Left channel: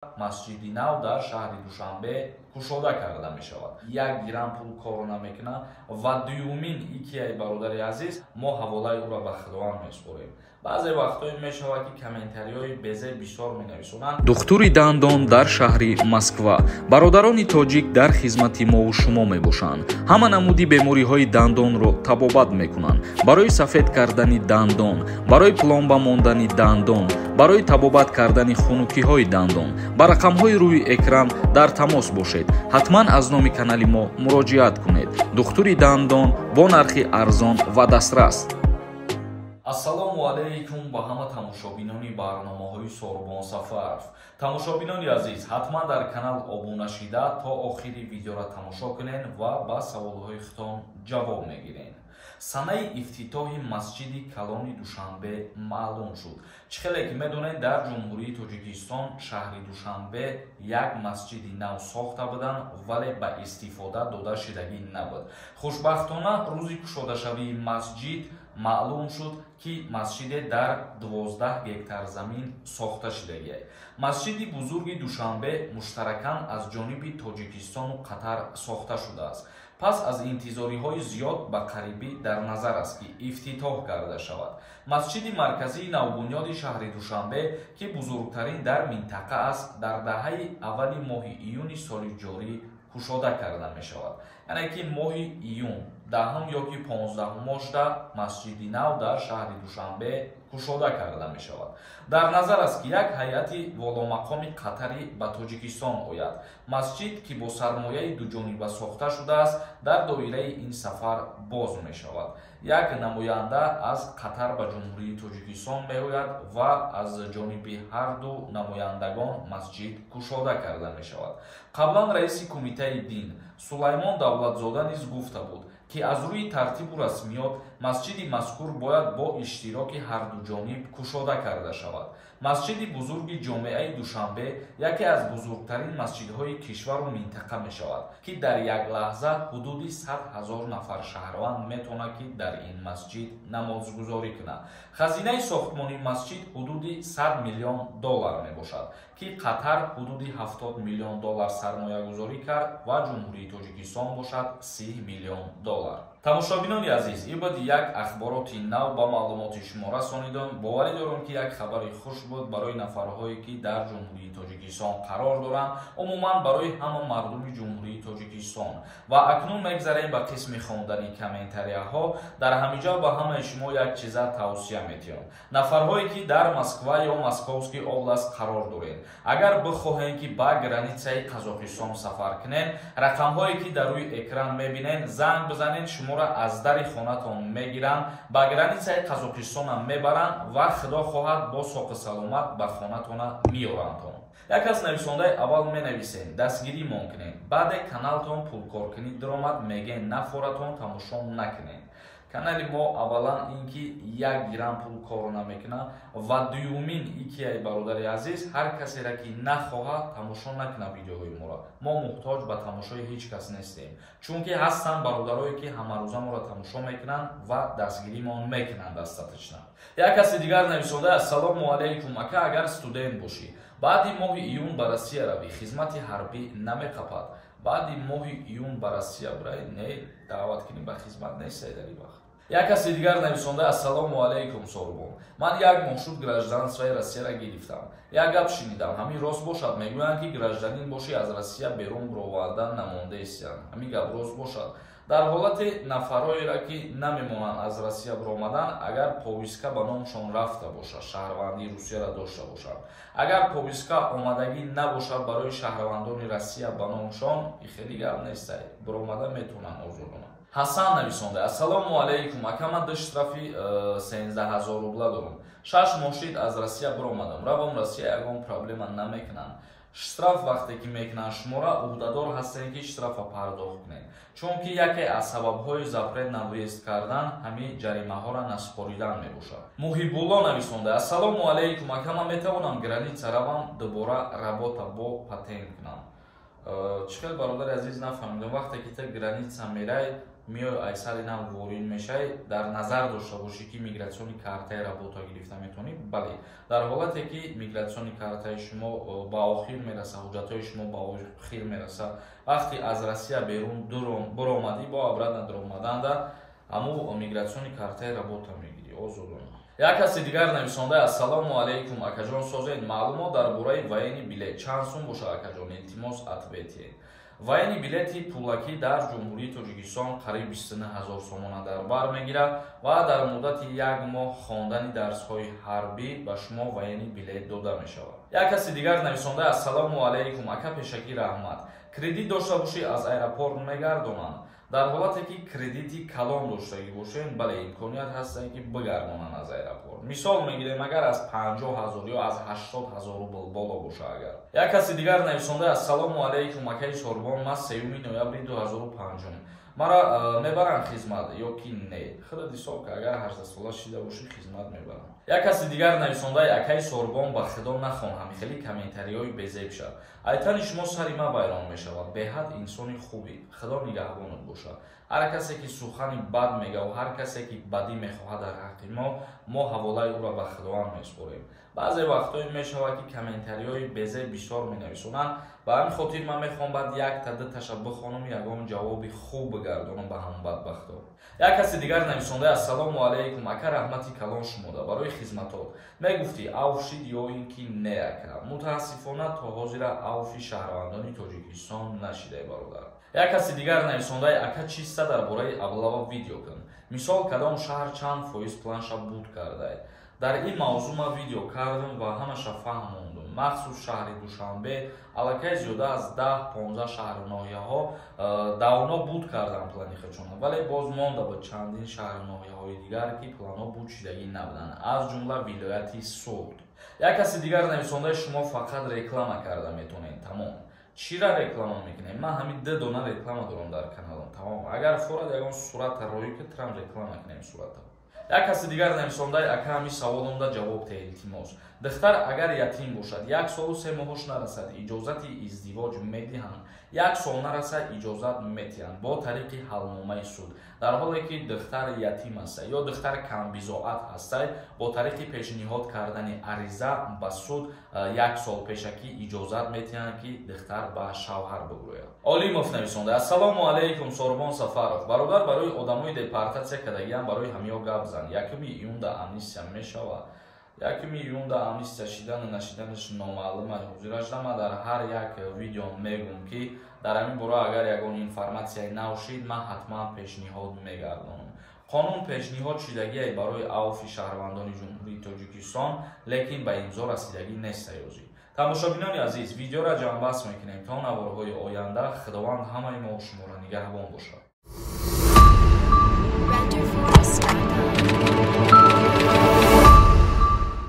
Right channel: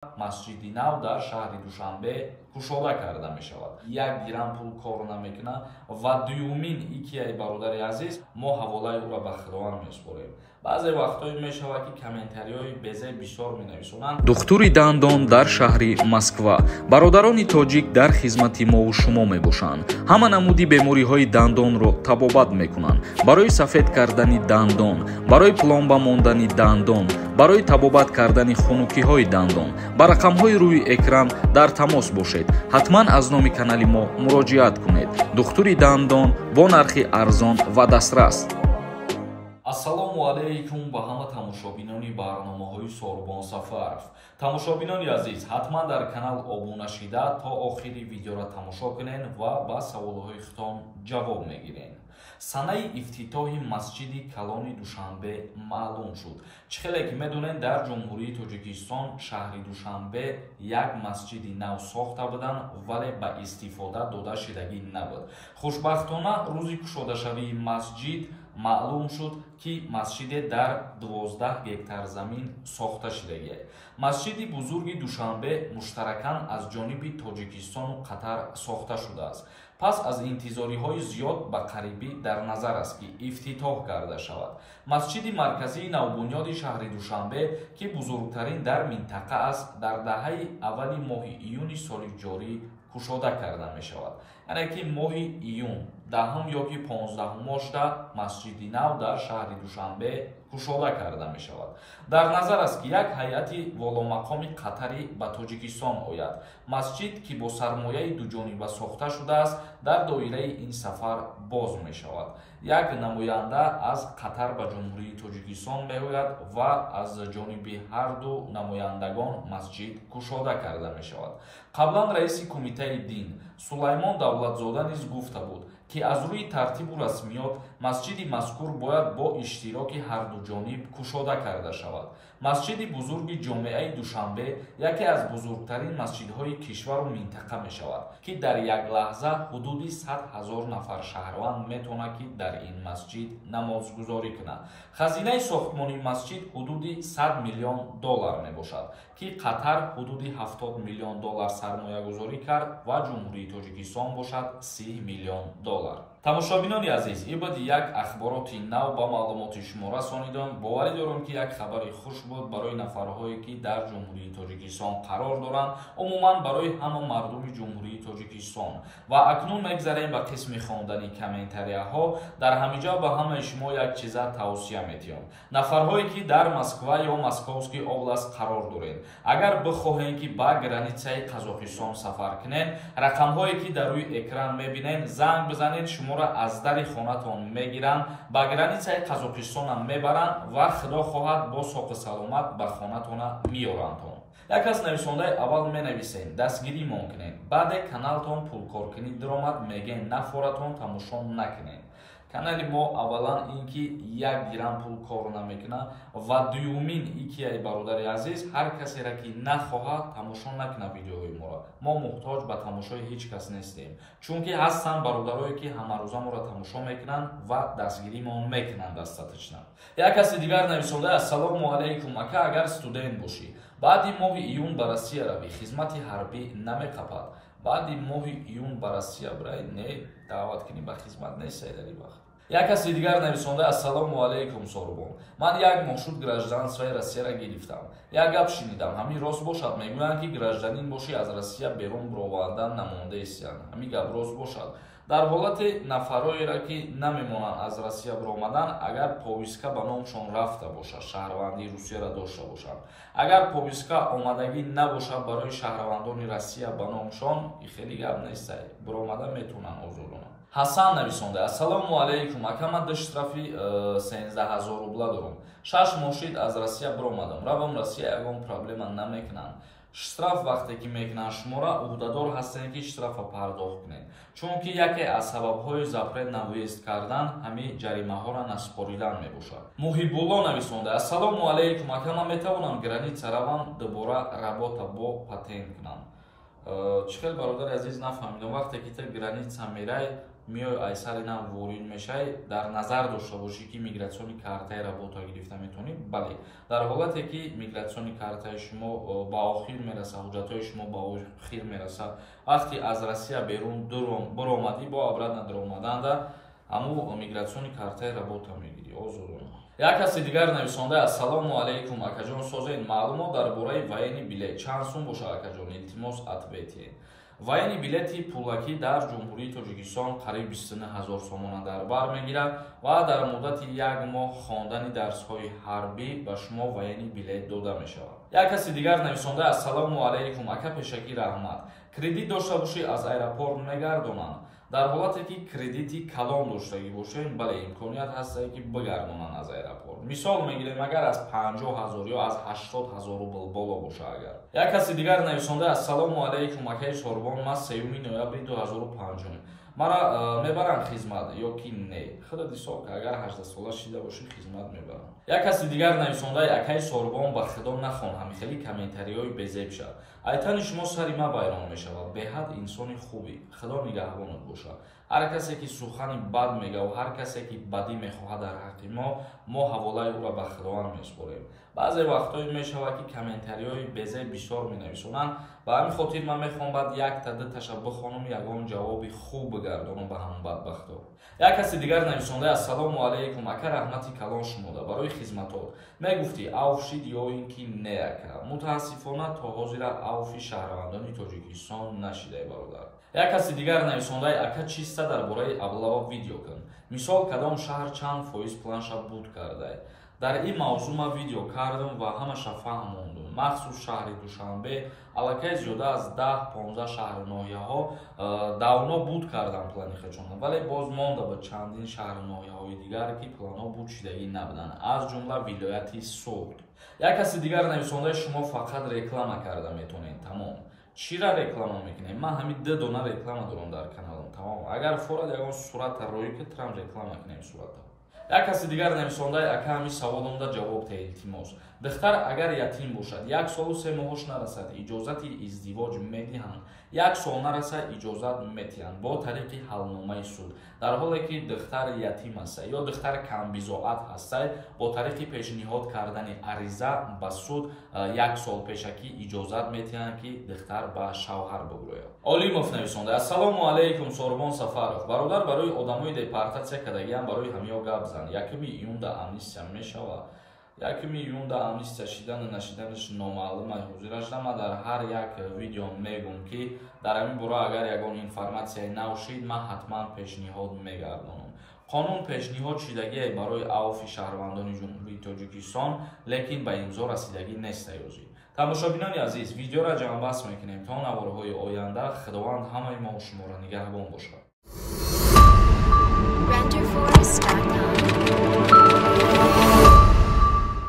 масҷиди нав дар шаҳри Душанбе кушода карда мешавад. Як гирам пул корона мекунад ва дуюмин икияи бародари азиз мо ҳаволаи ӯро ба худованд меспорем. баъзе вақтҳое мешавад ки комментариҳои безе бисёр менависонанд. Духтури дандон дар шаҳри Москва. бародарони тоҷик дар хизмати мову шумо мебошанд. ҳама намуди бемориҳои дандонро табобат мекунанд. барои сафед кардани дандон, барои пломба мондани дандон, барои табобат кардани хунукиҳои дандон, ба рақамҳои рӯи экран дар тамос бошед. ҳатман аз номи канали мо муроҷиат кунед. духтури дандон бо нархи арзон ва дастрас. ассалому алайкум ба ҳама тамошобинони барномаҳои Сорбон Сафаров. тамошобинони азиз, ҳатман дар канал обуна шида то охири видеоро тамошо кунед ва ба саволҳои худтон ҷавоб мегиред. санаи ифтитоҳи масҷиди калони Душанбе маълум шуд. чӣ хеле ки медонед, дар ҷумҳурии Тоҷикистон шаҳри Душанбе як масҷиди нав сохта буданд, вале ба истифода дода шидагӣ набуд. хушбахтона рӯзи кушодашавии масҷид маълум шуд ки масҷиде дар 12 гектар замин сохта шидагист. масҷиди бузурги Душанбе муштаракан аз ҷониби Тоҷикистону Қатар сохта шудааст. пас аз интизориҳои зиёд ба қарибӣ дар назар аст ки ифтитоҳ карда шавад. масҷиди марказии навбунёди шаҳри Душанбе ки бузургтарин дар минтақа аст, дар даҳаи аввали моҳи июни соли ҷорӣ кушода карда мешавад. яъне ки моҳи июн 10 ё ки 15-умошда масҷиди нав дар шаҳри Душанбе кушода карда мешавад. дар назар аст ки як ҳайати воломақоми қатарӣ ба Тоҷикистон ояд. масҷид ки бо сармояи дуҷониба сохта шудааст, дар доираи ин сафар боз мешавад. як намоянда аз Қатар ба ҷумҳурии Тоҷикистон меояд ва аз ҷониби ҳарду намояндагон масҷид кушода карда мешавад. қаблан раиси кумитаи дин Сулаймон Давлатзода низ гуфта буд ки аз рӯи тартибу расмиёт масҷиди мазкур бояд бо иштироки ҳарду ҷониб кушода карда шавад. масҷиди бузурги ҷомеаи Душанбе яке аз бузургтарин масҷидҳои кишвару минтақа мешавад ки дар як лаҳза ҳудуди 100 000 нафар шаҳрванд метавонад ки дар ин масҷид намозгузорӣ кунад. хазинаи сохтмони масҷид ҳудуди 100 миллион доллар мебошад ки Қатар ҳудуди 70 миллион доллар сармоягузорӣ кард ва ҷумҳурии Тоҷикистон бошад 30 миллион доллар. тамошобинони азиз, ин буд як ахбороти нав ба маълумоти шумо расонидем. боварӣ дорам ки як хабари хуш буд барои нафарҳое ки дар ҷумҳурии Тоҷикистон қарор доранд, умуман барои ҳама мардуми ҷумҳурии Тоҷикистон. ва акнун мегзарем ба қисми хондани комментарияҳо. дар ҳамиҷо ба ҳамаи шумо як чиза тавсия метиҳам. нафарҳое ки дар Москва ё Московский област қарор доред, агар бихоҳем ки ба границаи Қазоқистон сафар кунед, рақамҳое ки дар рӯи экран мебинед, занг бизанед, шуморо аз дари хонатон мегиранд, ба границаи Қазоқистонам мебаранд ва худо хоҳад бо соқи саломат ба хонатона миёрандтон. як аз нависондаи аввал менависем дастгирӣ монкунед, баъде каналтон пулкоркунӣ диромад мегӯянд нафоратон тамошо накунед. канали мо аввалан ин ки 1 гирам пул кор намекунад ва дуюмин икияи бародари азиз ҳар касеро ки нахоҳад тамошо накунад видеоҳои моро. мо муҳтоҷ ба тамошои ҳеҷ кас нестем, чунки ҳастанд бародарое ки ҳамарӯза моро тамошо мекунанд ва дастгиримон мекунанд дастаточна. як каси дигар нависонда: ассалому алайкум ака, агар студент бошӣ, баъди моҳи июн ба Россия равӣ, хизмати ҳарбӣ намеқапад. баъди моҳи июн ба Россия бурай, не даъват кунӣ ба хизмат нестай дар ин вақт. як каси дигар нависонда: ассалому алайкум Сорбон, ман як моҳ шуд гражданствои Россияро гирифтам. як гап шинидам, ҳамин рост бошад? мегӯянд ки гражданин бошӣ аз Россия берун бировардан намондаестиян. ҳамин гап рост бошад? дар ҳолати нафароеро ки намемонанд аз Россия биромадан, агар повистка ба номшон рафта бошад, шаҳрвандии Русияро дошта бошад, агар повистка омадагӣ набошад барои шаҳрвандони Россия ба номшон, хеле гап нестай, биромадан метавонанд озодона. ҳасан нависонда: ассалому алайкум ака, ман ду штрафи 13 000 рубла дорам. 6 моҳ шуд аз Россия биромадам, равам Россия, ягон проблема намекунанд. штраф вақте ки мекунанд шуморо, уҳдадор ҳастем ки штрафа пардохт кунед, чунки яке аз сабабҳои запрет на въезд кардан ҳамин ҷаримаҳоро наспоридан мебошад. муҳибулло нависонда: ассалому алайкум ака, ман метавонам граница равам дубора работа бо патент кунам. чӣ хел бародари азиз нафаҳмидам, вақте ки та граница мерай میای ایسر اینا وارد میشی در نظر داشته باشی که میگراسیون کارتای رابطه گرفته میتونی. بله، در حالتی که میگراسیون کارتای شما با آخر میرسه، حجتای شما با آخر میرسه، وقتی از روسیه بیرون برآمدی با ابرد ندار اومدن در همو میگراسیون کارتای رابطه میگیری. آزادانه. یک کسی دیگر نویسنده السلام علیکم اکاجان، سازین معلومات درباره военный билет چند سوم باشه اکاجان؟ التماس ответьте. военный билети пулакӣ дар ҷумҳурии тоҷикистон қариб 29000 сомона дар бар мегирад ва дар муддати як моҳ хондани дарсҳои ҳарбӣ ба шумо военный билет дода мешавад. як каси дигар нависонда ассалому алайкум ака пешакӣ раҳмат, кредит дошта бошӣ аз аэропорт мегардонанд? дар ҳолате ки кредити калон доштагӣ бошед, бале имконият ҳастае ки бигардонанд аз аэропорт. мисол мегирем агар аз 50000 ё аз 80000 рубл боло боша. агар як каси дигар нависонда ассалому алайкум акаи сорбон, ман 3 ноябри 2005 мара мебаранд хизмат ё ки не? худат ҳисоб ка агар 18 сола шида бошӣ хизмат мебаранд. як каси дигар нависонда акаи сорбон ба худо нахон, ҳамихели комментариҳои безеб шад. айтани шумо сари ма байрон мешавад. беҳад инсони хубӣ, худо нигаҳбонат бошад. ҳар касе ки сухани бад мега ва ҳар касе ки бадӣ мехоҳад дар ҳаққи мо ҳаволаи ӯро ба худованд меспорем. баъзе вақтҳое мешавад ки комментариҳои безеб бисёр менависонанд. ба ҳамин хотир ман мехоҳам баъд якта дуташа бихонам, ягон ҷавоби хуб бигардонам ба ҳамон бадбахтҳо. як каси дигар нависонда ассалому алайкум ака, раҳмати калон шумода барои хизматот. мегуфтӣ авф шид ё ин ки не ака? мутаассифона то ҳозира авфи шаҳрвандони тоҷикистон нашидай бародар. як каси дигар нависондаи ака чиста дар бораи аблава видео кун. мисол кадом шаҳр чанд фоиз планша буд кардай? дар ин мавзӯъ ман видео кардам ва ҳамаша фаҳмондум. махсус шаҳри душанбе аллакай зиёда аз 10-15 шаҳру ноҳияҳо давно буд кардам плани хачона, вале боз монда ба чандин шаҳру ноҳияҳои дигар ки планҳо буд шидагӣ набуданд, аз ҷумла вилояти Суд. як каси дигар нависондаи шумо фақат реклама карда метонед. тамом. чира реклама мекунем? ман ҳамин 2 дона реклама дорам дар каналам. тамом. агар форад ягон сурата рӯй кунам реклама кунем сурата. як каси дигар нависондаи ака ҳамин саволомда ҷавоб те илтимос. духтар агар ятим бошад, 1 солу 3 моҳош нарасад, иҷозати издивоҷ медиҳанд? 1 сол нарасад, иҷозат метиҳанд бо тариқи ҳалномаи суд. дар ҳоле ки духтар ятим ҳастад ё духтар камбизоат ҳастад, бо тариқи пешниҳод кардани ариза ба суд 1 сол пешакӣ иҷозат метиҳанд ки духтар ба шавҳар бигӯяд. олимов нависонда ассалому алайкум сорбон Сафаров, бародар барои одамои депортатсия кардагиам барои ҳамиё гап зан. 1 июнда амнистия мешавад? 1 июнда амнистия шидану нашиданаш номаълум аст. ҳозираш дама дар ҳар як видео мегум ки дар ҳамин бора агар ягон информатсияи нав шид, ман ҳатман пешниҳод мегардонам. қонун пешниҳод шидагие барои авфи шаҳрвандони ҷумҳурии тоҷикистон, лекин ба имзо расидагӣ нест саёзӣ. тамошобинони азиз, видеоро ҷамъбаст мекунем то наворҳои оянда. худованд ҳамаи мо шуморо нигаҳбон бошад.